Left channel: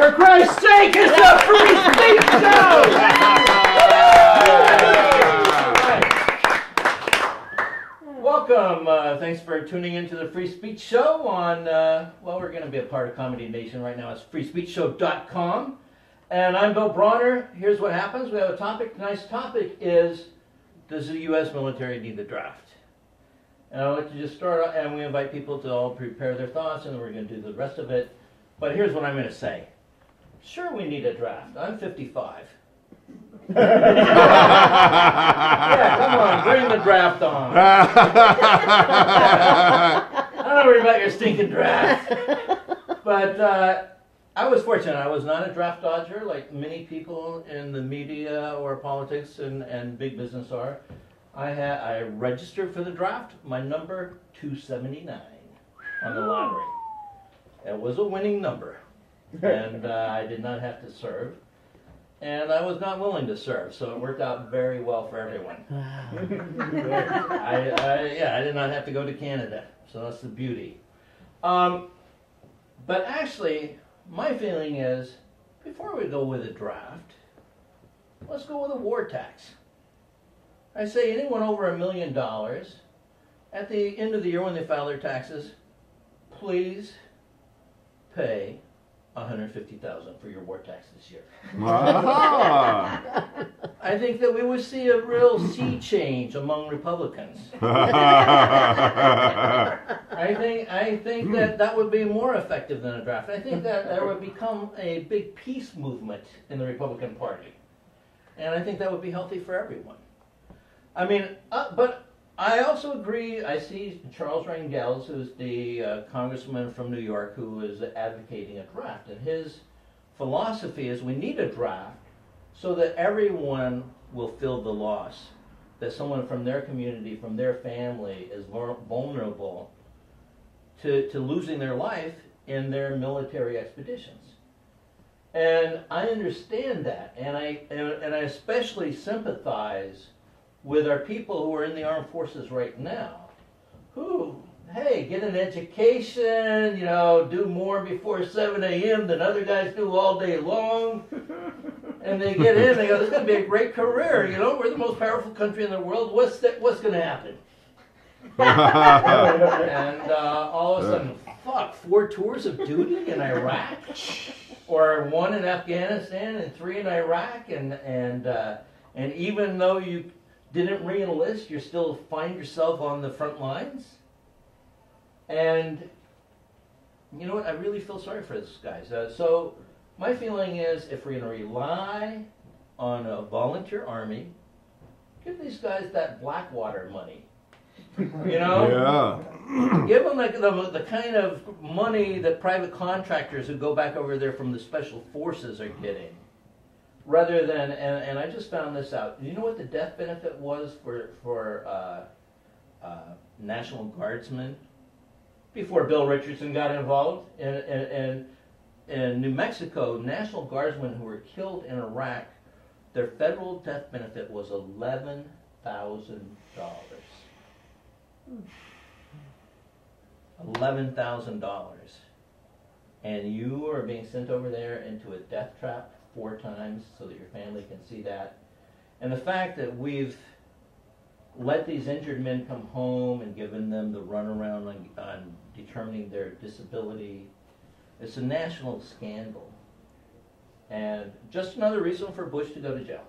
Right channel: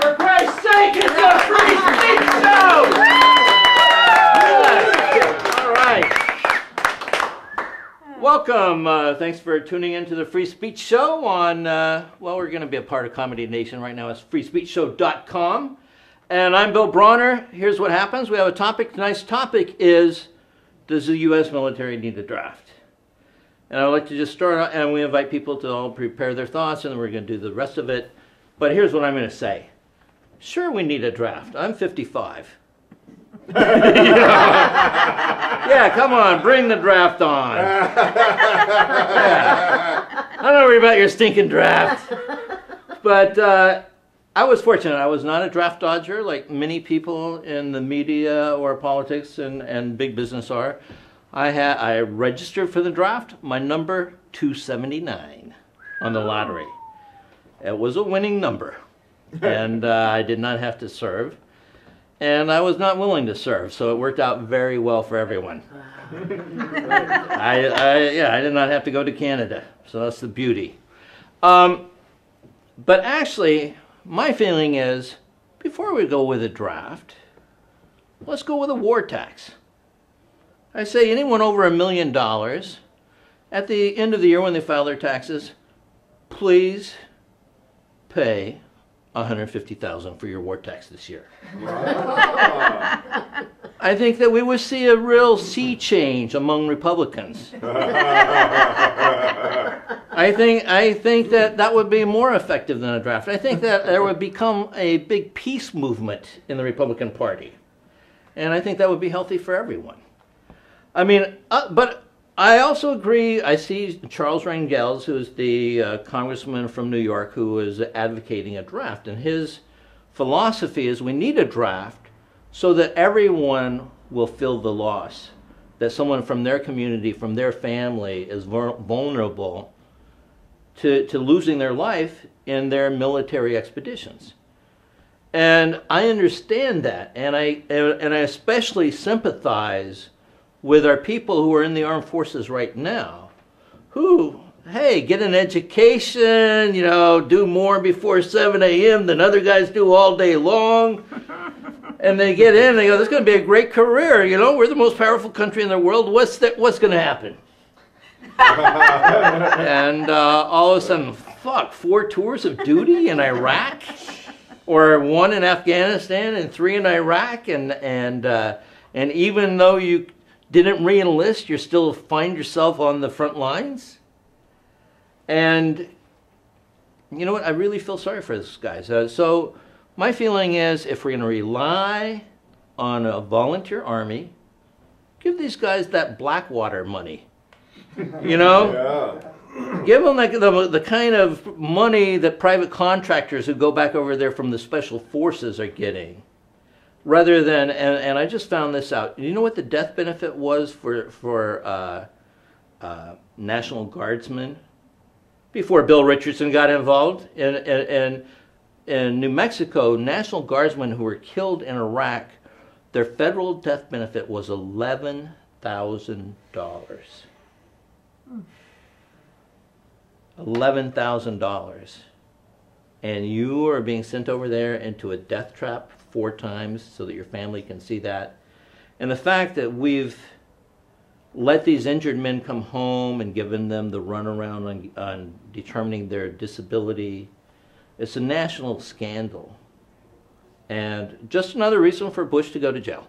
For Christ's sake, it's a free speech show! All right. Welcome. Thanks for tuning into the Free Speech Show on, well, we're going to be a part of Comedy Nation right now. It's freespeechshow.com. And I'm Bill Bronner. Here's what happens. We have a topic. Tonight's topic is, does the U.S. military need a draft? And I'd like to just start out, and we invite people to all prepare their thoughts, and then we're going to do the rest of it. But here's what I'm going to say. Sure, we need a draft. I'm 55. Yeah, come on, bring the draft on. I don't worry about your stinking draft. But I was fortunate. I was not a draft dodger like many people in the media or politics and big business are. I registered for the draft, my number 279 on the lottery. It was a winning number, and I did not have to serve. And I was not willing to serve, so it worked out very well for everyone. I did not have to go to Canada, so that's the beauty. But actually, my feeling is, before we go with a draft, let's go with a war tax. I say anyone over $1 million, at the end of the year when they file their taxes, please pay $150,000 for your war tax this year. I think that we would see a real sea change among Republicans. I think that would be more effective than a draft. I think that there would become a big peace movement in the Republican Party. And I think that would be healthy for everyone. I mean, but I also agree. I see Charles Rangels, who's the congressman from New York, who is advocating a draft. And his philosophy is we need a draft so that everyone will feel the loss, that someone from their community, from their family is vulnerable to losing their life in their military expeditions. And I understand that, and I especially sympathize with our people who are in the armed forces right now, who, hey, get an education, you know, do more before 7 a.m. than other guys do all day long. And they get in and they go, this is going to be a great career, you know, we're the most powerful country in the world, what's going to happen? And all of a sudden, fuck, 4 tours of duty in Iraq? Or 1 in Afghanistan and 3 in Iraq, and even though you didn't re-enlist, you still find yourself on the front lines. And you know what? I really feel sorry for these guys. So my feeling is, if we're going to rely on a volunteer army, give these guys that Blackwater money. You know? Yeah. Give them like the kind of money that private contractors who go back over there from the special forces are getting. Rather than, and I just found this out. You know what the death benefit was for National Guardsmen before Bill Richardson got involved? In New Mexico, National Guardsmen who were killed in Iraq, their federal death benefit was $11,000. $11,000. And you are being sent over there into a death trap 4 times so that your family can see that. And the fact that we've let these injured men come home and given them the runaround on determining their disability, it's a national scandal. And just another reason for Bush to go to jail.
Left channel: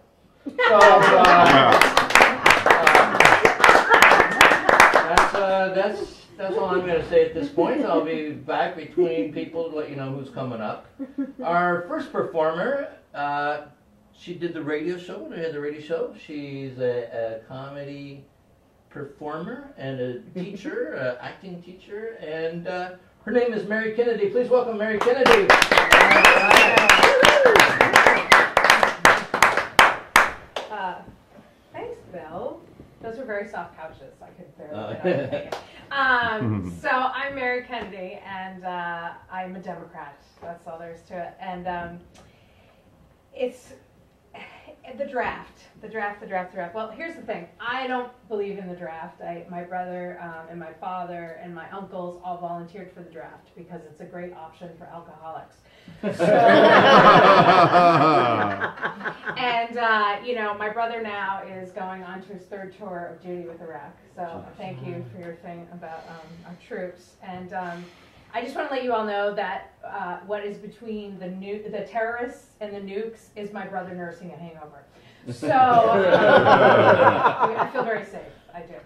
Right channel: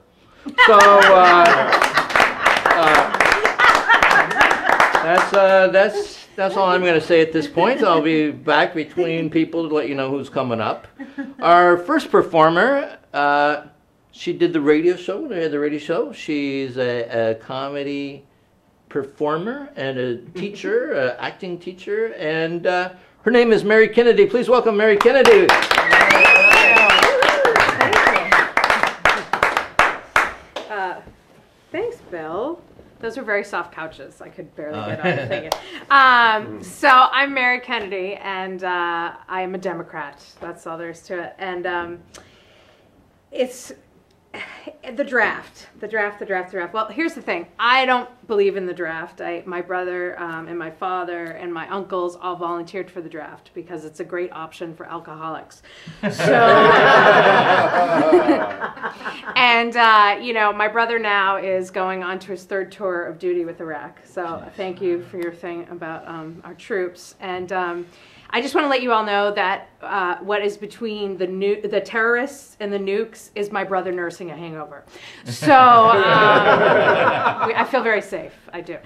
So that's all I'm going to say at this point. I'll be back between people to let you know who's coming up. Our first performer, she did the radio show. They had the radio show. She's a comedy performer and a teacher, acting teacher, and her name is Mary Kennedy. Please welcome Mary Kennedy. Thanks, Bill. Those were very soft couches. I could barely get on the thing. So I'm Mary Kennedy, and I am a Democrat. That's all there is to it. And The draft. Well, here's the thing. I don't believe in the draft. My brother and my father and my uncles all volunteered for the draft because it's a great option for alcoholics. So, and my brother now is going on to his 3rd tour of duty with Iraq. So thank you for your thing about our troops. And I just want to let you all know that what is between the terrorists and the nukes is my brother nursing a hangover. So I feel very safe. I do.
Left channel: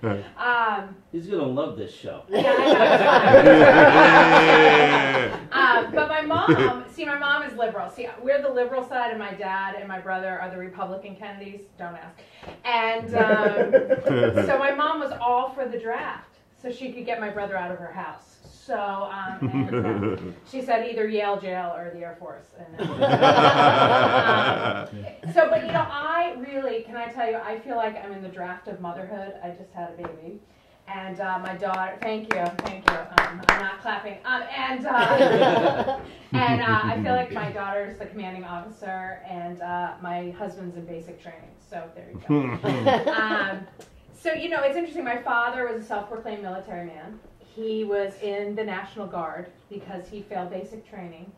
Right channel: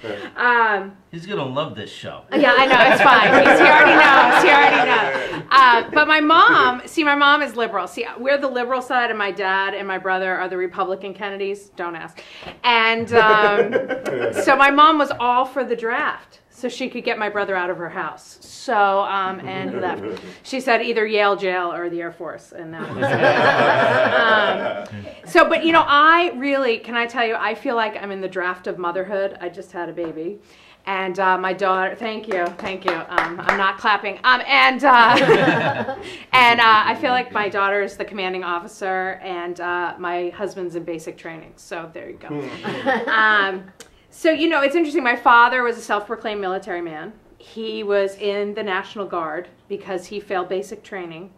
He's going to love this show. Yeah, I know. It's fine. He already knows. But my mom is liberal. See, we're the liberal side, and my dad and my brother are the Republican Kennedys. Don't ask. And so my mom was all for the draft, so she could get my brother out of her house. So, and left. She said either Yale jail or the Air Force. And so, but I really, can I tell you, I feel like I'm in the draft of motherhood. I just had a baby. And my daughter, thank you. I'm not clapping. And I feel like my daughter's the commanding officer, and my husband's in basic training. So there you go. So, it's interesting. My father was a self-proclaimed military man. He was in the National Guard because he failed basic training.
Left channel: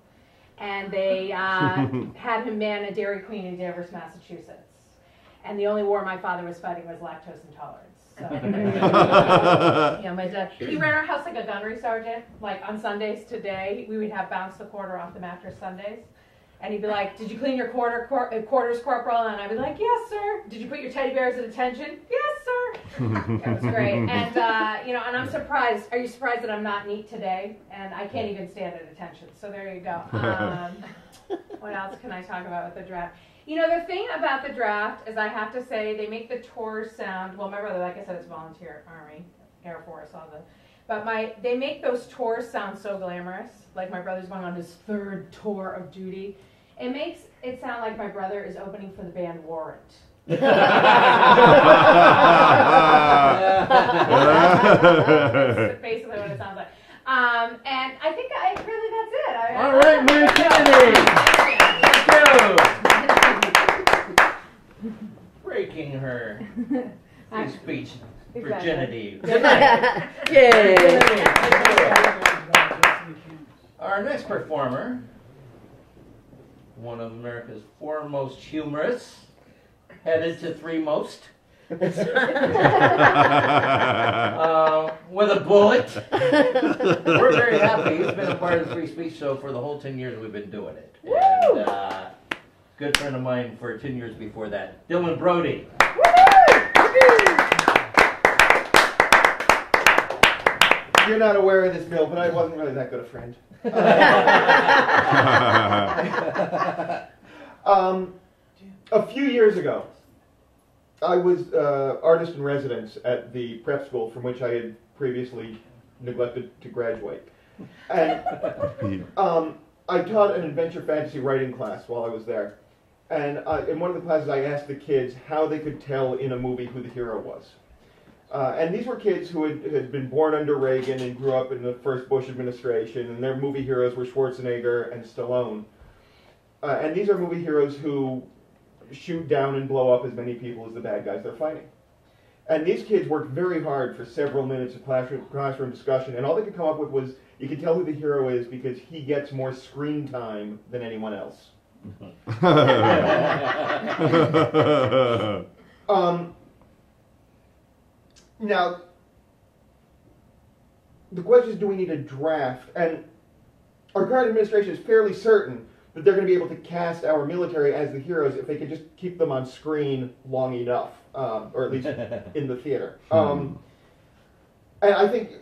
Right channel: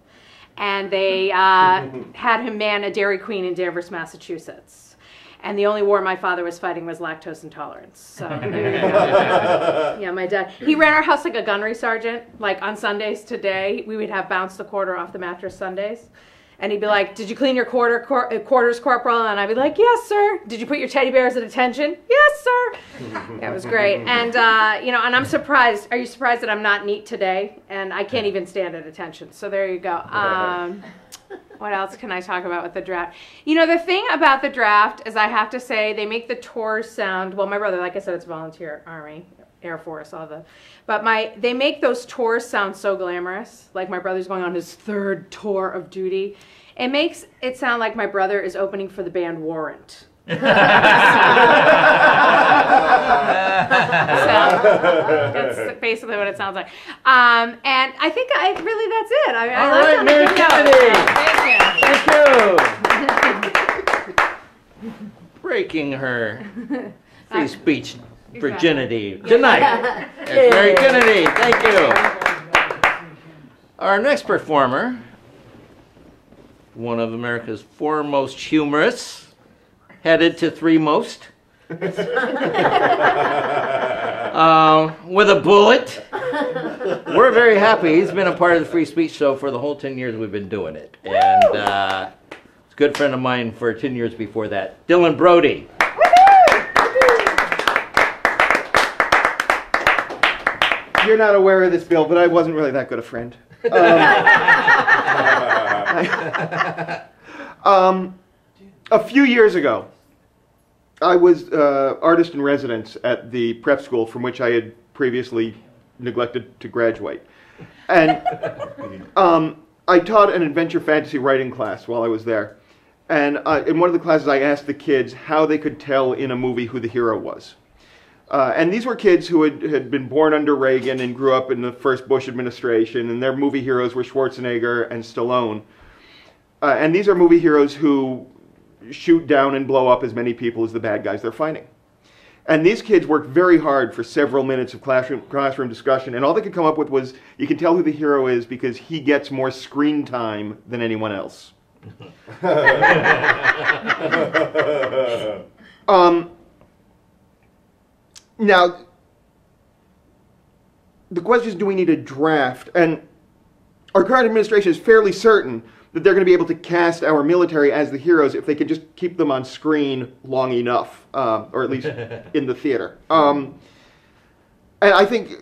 And they had him man a Dairy Queen in Danvers, Massachusetts. And the only war my father was fighting was lactose intolerance. So, yeah, my dad. He ran our house like a gunnery sergeant. Like on Sundays today, we would have bounce the quarter off the mattress Sundays. And he'd be like, "Did you clean your quarters, Corporal?" And I'd be like, "Yes, sir." "Did you put your teddy bears at attention?" "Yes, sir." Yeah, it was great. And, and I'm surprised. Are you surprised that I'm not neat today? And I can't even stand at attention. So there you go. What else can I talk about with the draft? The thing about the draft is I have to say they make the tours sound, well, my brother, like I said, it's volunteer, Army, Air Force, but they make those tours sound so glamorous. Like my brother's going on his 3rd tour of duty. It makes it sound like my brother is opening for the band Warrant. So, that's basically what it sounds like. And I think that's it. All right, Mary Kennedy. Thank you. Breaking her free speech virginity tonight. Mary Kennedy, thank you. Our next performer, one of America's foremost humorists, headed to 3 most. With a bullet. We're very happy. He's been a part of the Free Speech Show for the whole 10 years we've been doing it. And it's a good friend of mine for 10 years before that. Dylan Brody. You're not aware of this, Bill, but I wasn't really that good a friend. A few years ago, I was artist in residence at the prep school from which I had previously neglected to graduate. And I taught an adventure fantasy writing class while I was there. And in one of the classes, I asked the kids how they could tell in a movie who the hero was. And these were kids who had been born under Reagan and grew up in the first Bush administration, and their movie heroes were Schwarzenegger and Stallone. And these are movie heroes who shoot down and blow up as many people as the bad guys they're fighting. And these kids worked very hard for several minutes of classroom discussion, and all they could come up with was, you can tell who the hero is because he gets more screen time than anyone else. Now, the question is, do we need a draft? And our current administration is fairly certain that they're going to be able to cast our military as the heroes if they could just keep them on screen long enough, or at least in the theater. And I think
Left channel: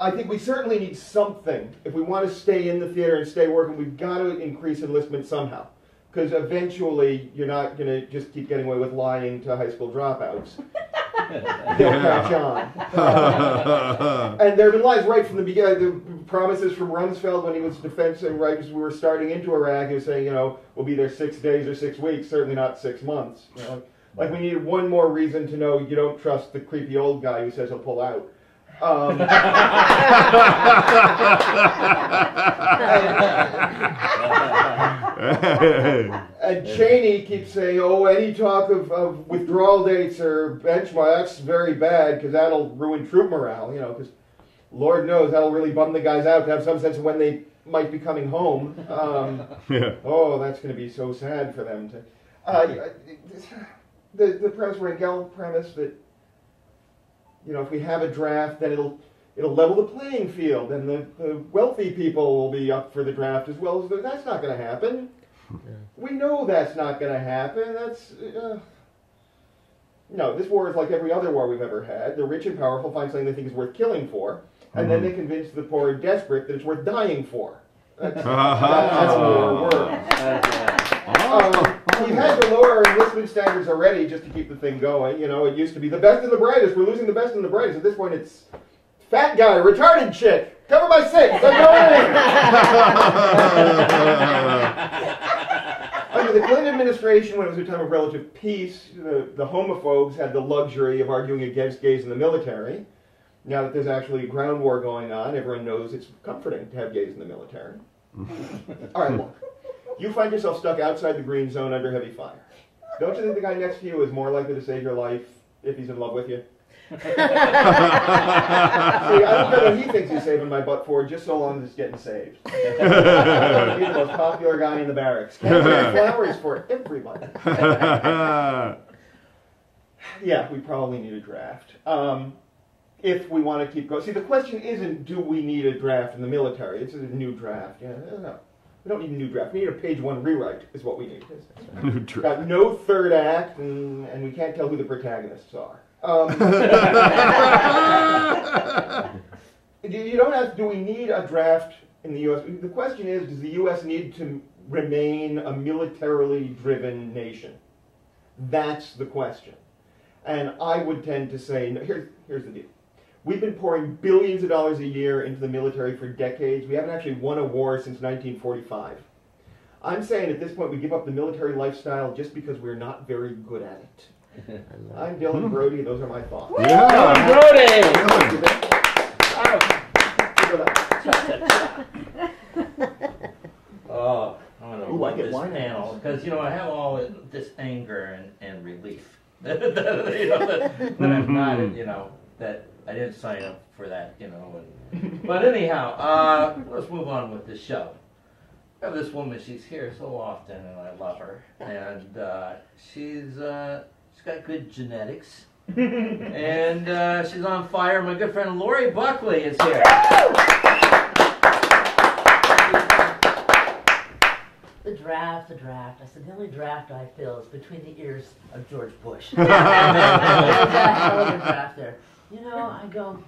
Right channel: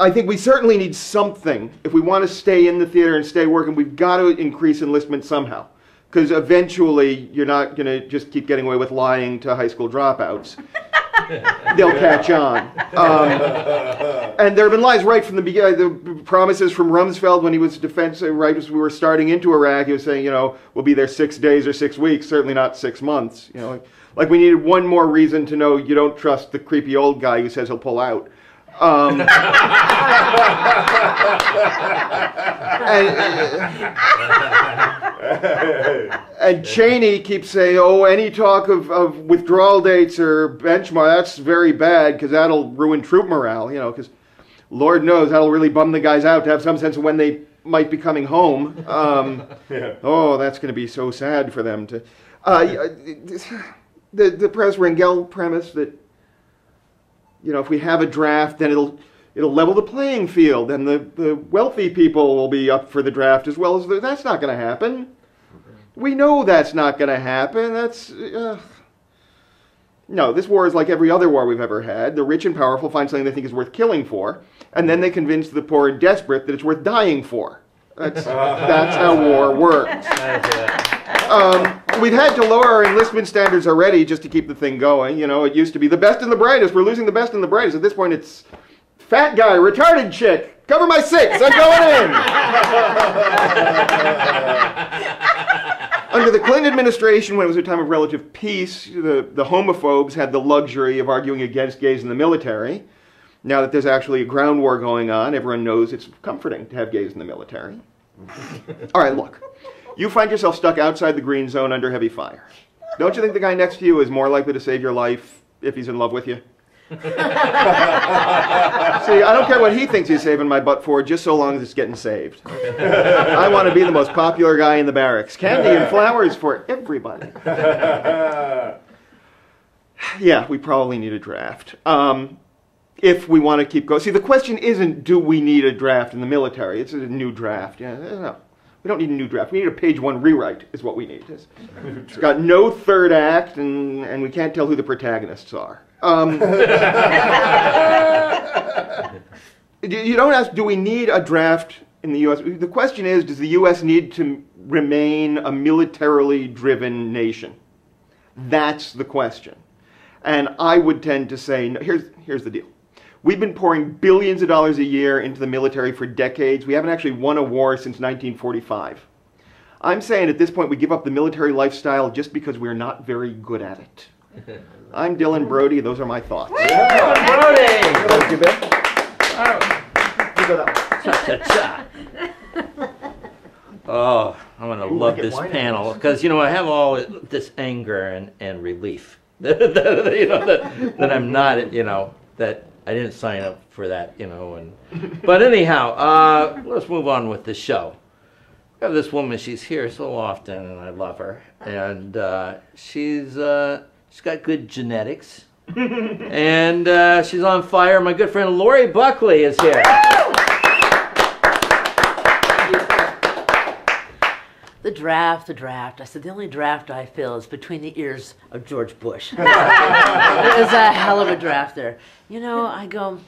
we certainly need something. If we want to stay in the theater and stay working, we've got to increase enlistment somehow. Because eventually, you're not going to just keep getting away with lying to high school dropouts. They'll catch on. And there have been lies right from the beginning. The promises from Rumsfeld when he was defense, right as we were starting into Iraq, he was saying, we'll be there 6 days or 6 weeks, certainly not 6 months. Like we needed one more reason to know you don't trust the creepy old guy who says he'll pull out. And Cheney keeps saying, oh, any talk of withdrawal dates or benchmark, that's very bad because that'll ruin troop morale, you know, because Lord knows that'll really bum the guys out to have some sense of when they might be coming home. Oh, that's going to be so sad for them to... the Press Rangel premise that, you know, if we have a draft, then it'll level the playing field, and the wealthy people will be up for the draft as well as that's not going to happen. We know that's not going to happen. That's no. This war is like every other war we've ever had. The rich and powerful find something they think is worth killing for, and then they convince the poor and desperate that it's worth dying for. That's how war works. We've had to lower our enlistment standards already just to keep the thing going. You know, it used to be the best and the brightest. We're losing the best and the brightest. At this point, it's fat guy, retarded chick, cover my 6, I'm going in. Under the Clinton administration, when it was a time of relative peace, the homophobes had the luxury of arguing against gays in the military. Now that there's actually a ground war going on, everyone knows it's comforting to have gays in the military. All right, look. You find yourself stuck outside the green zone under heavy fire. Don't you think the guy next to you is more likely to save your life if he's in love with you? See, I don't care what he thinks he's saving my butt for, just so long as it's getting saved. I want to be the most popular guy in the barracks. Candy and flowers for everybody. Yeah, we probably need a draft. If we want to keep going. See, the question isn't, do we need a draft in the military? It's a new draft. Yeah, no. We don't need a new draft. We need a page 1 rewrite is what we need. It's got no third act, and we can't tell who the protagonists are. You don't ask, do we need a draft in the U.S.? The question is, does the U.S. need to remain a militarily driven nation? That's the question. And I would tend to say, no, here's the deal. We've been pouring billions of dollars a year into the military for decades. We haven't actually won a war since 1945. I'm saying at this point we give up the military lifestyle just because we're not very good at it. I'm Dylan Brody. Those are my thoughts. Dylan Brody! Oh, I'm going to love this panel because, you know, I have all this anger and relief that I'm not, you know, that I didn't sign up for that, you know. But anyhow, let's move on with the show. I have this woman, she's here so often, and I love her. And she's got good genetics. And she's on fire. My good friend Laurie Buckley is here. The draft. I said, the only draft I feel is between the ears of George Bush. It was a hell of a draft there. You know, I go,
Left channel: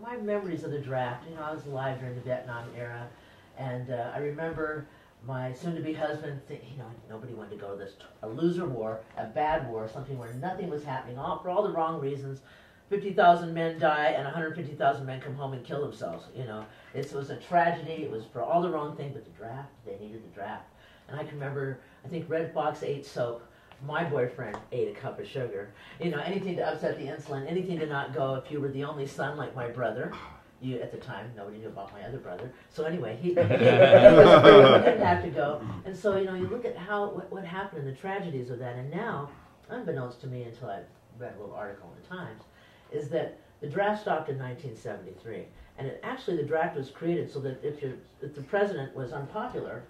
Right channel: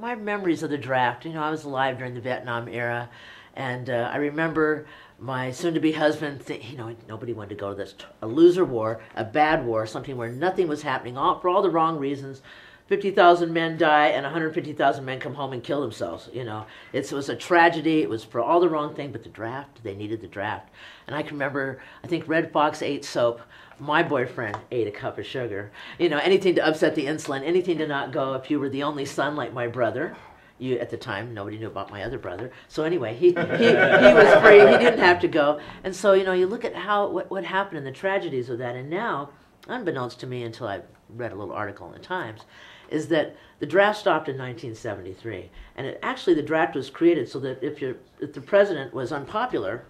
my memories of the draft, you know, I was alive during the Vietnam era, and I remember my soon-to-be husband, you know, nobody wanted to go to this, a loser war, a bad war, something where nothing was happening, for all the wrong reasons. 50,000 men die and 150,000 men come home and kill themselves, you know. It was a tragedy. It was for all the wrong thing, but the draft, they needed the draft. And I can remember, I think Red Fox ate soap. My boyfriend ate a cup of sugar. You know, anything to upset the insulin, anything to not go if you were the only son like my brother. You, at the time, nobody knew about my other brother. So anyway, he was free. He didn't have to go. And so, you know, you look at what happened and the tragedies of that. And now, unbeknownst to me until I read a little article in the Times, is that the draft stopped in 1973. And actually the draft was created so that if the president was unpopular,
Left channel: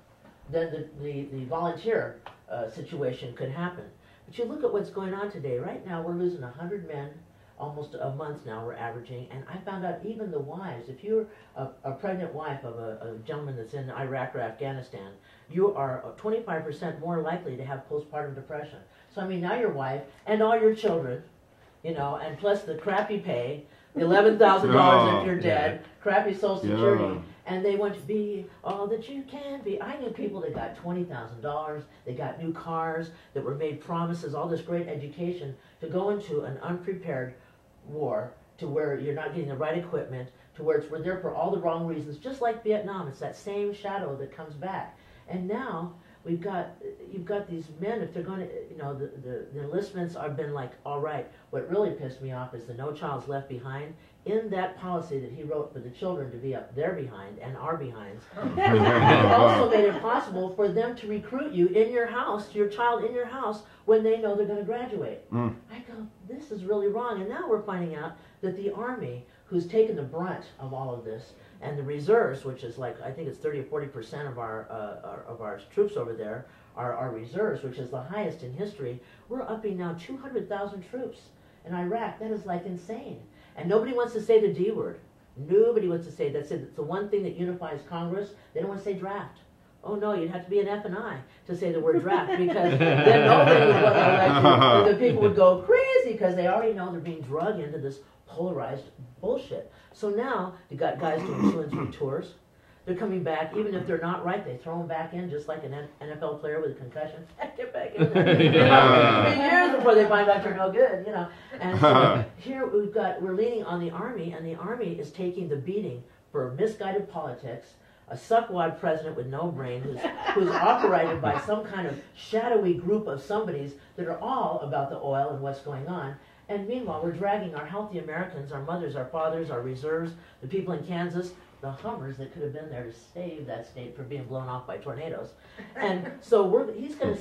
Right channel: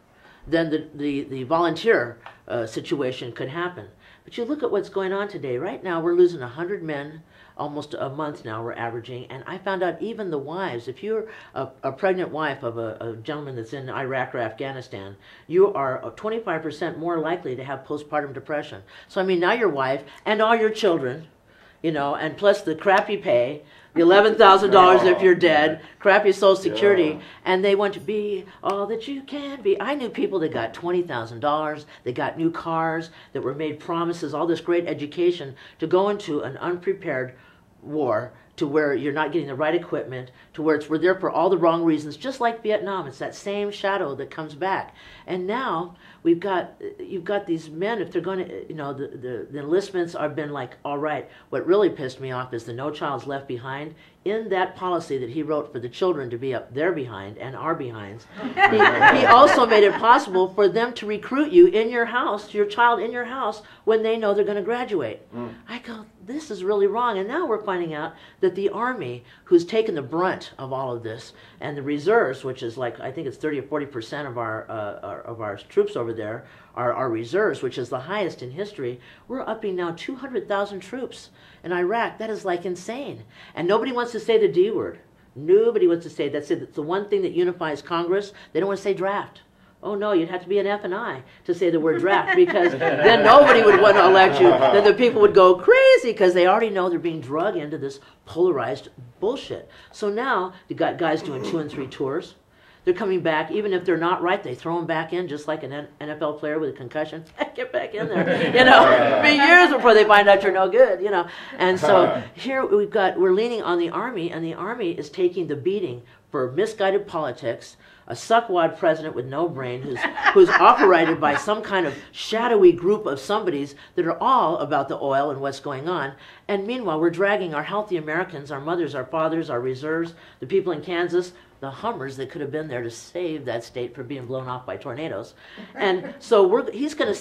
then the volunteer situation could happen. But you look at what's going on today. Right now we're losing 100 men almost a month now, we're averaging. And I found out even the wives, if you're a pregnant wife of a gentleman that's in Iraq or Afghanistan, you are 25% more likely to have postpartum depression. So I mean, now your wife and all your children, you know, and plus the crappy pay, the $11,000 if you're dead, crappy Social Security, and they want to be all that you can be. I knew people that got $20,000, they got new cars, that were made promises, all this great education, to go into an unprepared war to where you're not getting the right equipment, to where we're there for all the wrong reasons, just like Vietnam. It's that same shadow that comes back. And now you've got these men, if they're going to, you know, the enlistments have been like, all right. What really pissed me off is the No Child's Left Behind. in that policy that he wrote for the children to be up their behind and our behinds, he also made it possible for them to recruit you in your house, your child in your house, when they know they're going to graduate. I go, this is really wrong. And now we're finding out that the Army, who's taken the brunt of all of this, and the reserves, which is like, I think it's 30 or 40% of our troops over there, are reserves, which is the highest in history. We're upping now 200,000 troops in Iraq. That is like insane. And nobody wants to say the D word. Nobody wants to say that's it. It's the one thing that unifies Congress. They don't want to say draft. Oh no, you'd have to be an F and I to say the word draft, because then nobody would want to elect you. Then the people would go crazy because they already know they're being drug into this polarized bullshit. So now you got guys doing 2 and 3 tours. They're coming back, even if they're not right, they throw them back in, just like an NFL player with a concussion. Get back in there, you know. For years before they find out you're no good, you know. And so here we're leaning on the Army, and the Army is taking the beating for misguided politics, a suckwad president with no brain who's operated by some kind of shadowy group of somebodies that are all about the oil and what's going on. And meanwhile, we're dragging our healthy Americans, our mothers, our fathers, our reserves, the people in Kansas, the Hummers that could have been there to save that state from being blown off by tornadoes. And so Bush is going to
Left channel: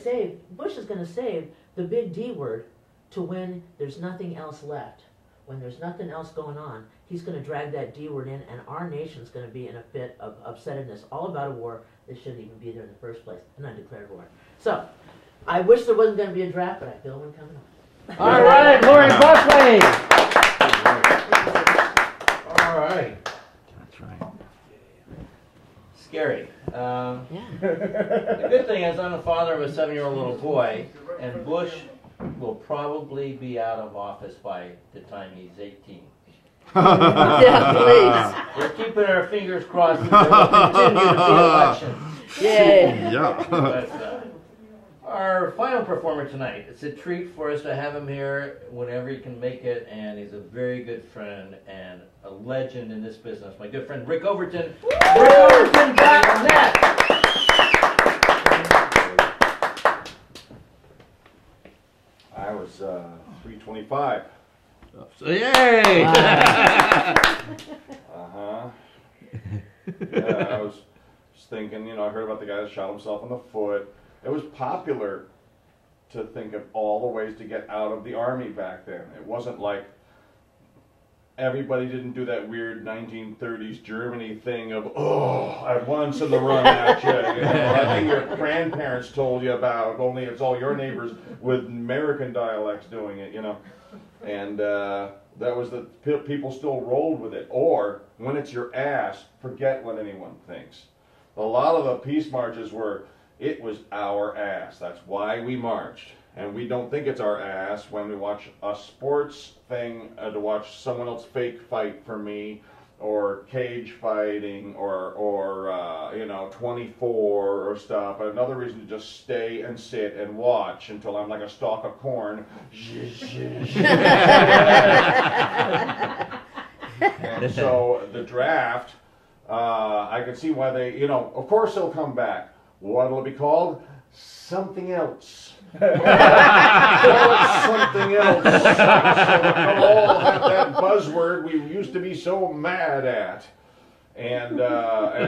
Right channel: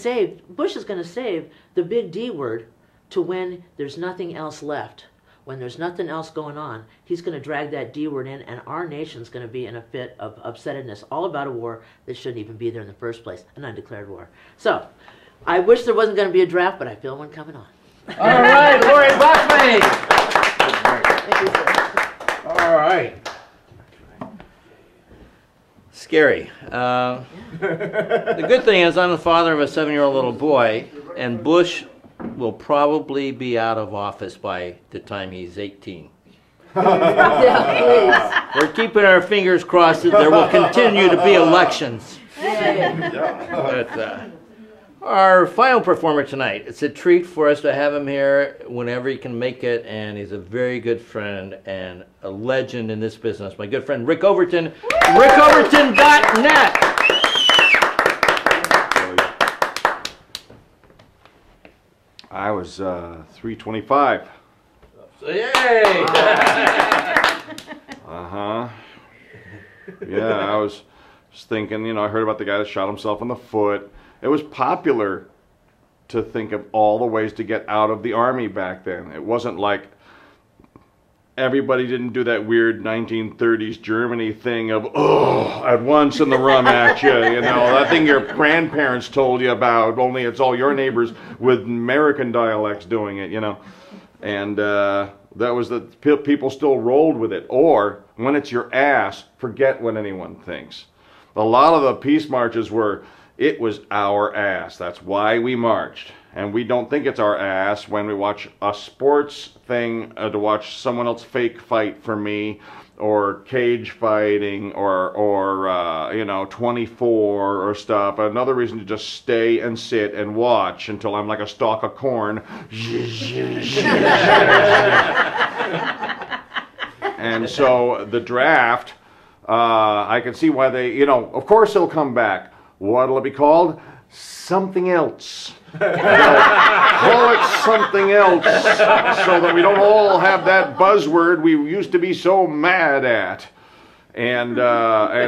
save the big D word to when there's nothing else left. When there's nothing else going on, he's going to drag that D word in, and our nation's going to be in a fit of upsettedness, all about a war that shouldn't even be there in the first place, an undeclared war. So, I wish there wasn't going to be a draft, but I feel one coming on. All right, Laurie Buckley. All right. Scary. The good thing is I'm the father of a 7-year-old little boy, and Bush will probably be out of office by the time he's 18. Yeah, We're keeping our fingers crossed that there will continue to be elections. Yeah. Our final performer tonight. It's a treat for us to have him here whenever he can make it, and he's a very good friend and a legend in this business. My good friend Rick Overton, rickoverton.net. I was 325. Yay! Yeah, I was thinking, you know, I heard about the guy that shot himself in the foot. It was popular to think of all the ways to get out of the Army back then. It wasn't like everybody didn't do that weird 1930s Germany thing of, oh, at once in the rum at you, you know, that thing your grandparents told you about, only it's all your neighbors with American dialects doing it, you know. And that was the, people still rolled with it. Or, when it's your ass, forget what anyone thinks. A lot of the peace marches were, it was our ass. That's why we marched. And we don't think it's our ass when we watch a sports thing to watch someone else fake fight for me, or cage fighting, or you know, 24 or stuff. Another reason to just stay and sit and watch until I'm like a stalk of corn. And so the draft, I can see why they, you know, of course it'll come back. What'll it be called? Something else. Call it something else, so that we don't all have that buzzword we used to be so mad at. And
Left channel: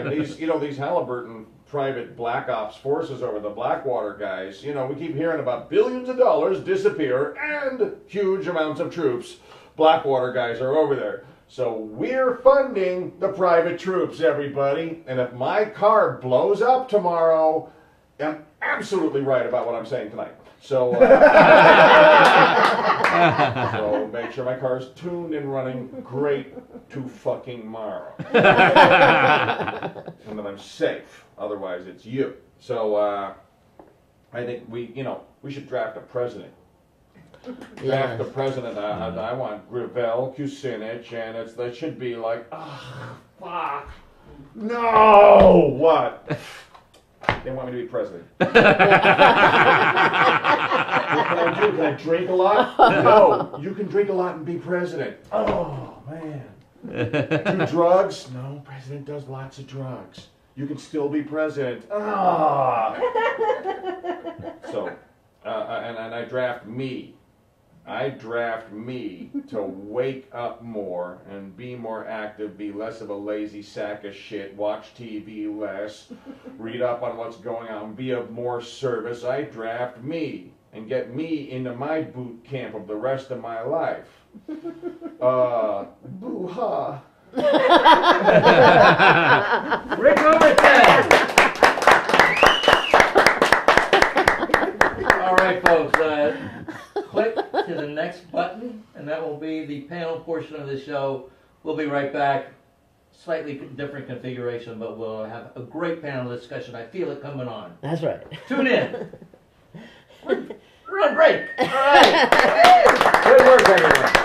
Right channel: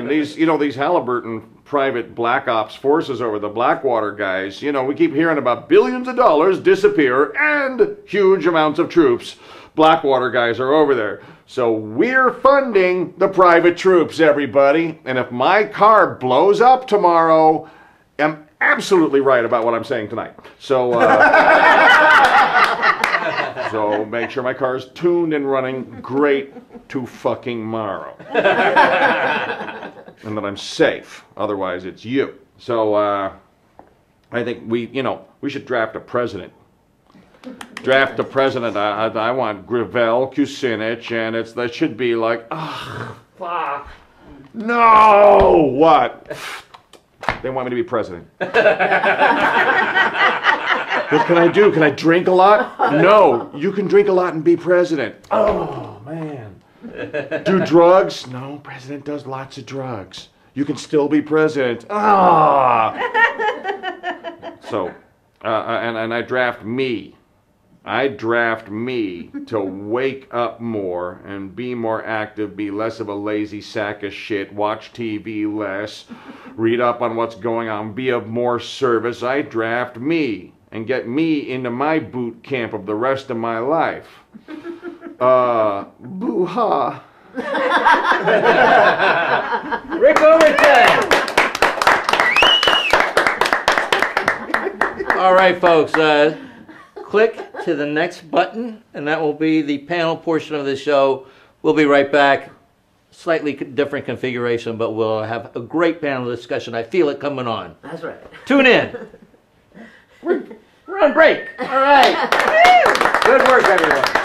these, you know, these Halliburton private black ops forces over the Blackwater guys, you know, we keep hearing about billions of dollars disappear and huge amounts of troops. Blackwater guys are over there. So we're funding the private troops, everybody. And if my car blows up tomorrow, I'm absolutely right about what I'm saying tonight. So, so make sure my car is tuned and running great to fucking tomorrow. And that I'm safe. Otherwise, it's you. So I think we, you know, we should draft a president. Draft the president. I want Gravel, Kucinich, and that should be like, fuck. No! What? They want me to be president. What can I do? Can I drink a lot? No. You can drink a lot and be president. Oh, man. Do drugs? No, president does lots of drugs. You can still be president. Ah! So, and I draft me. I draft me to wake up more and be more active, be less of a lazy sack of shit, watch TV less, read up on what's going on, be of more service. I draft me and get me into my boot camp of the rest of my life. Boo-ha. Rick Overton. All right, folks. Click to the next button, and that will be the panel portion of the show. We'll be right back. Slightly different configuration, but we'll have a great panel discussion. I feel it coming on. That's right. Tune in. We're on break. All right. Good work, everyone.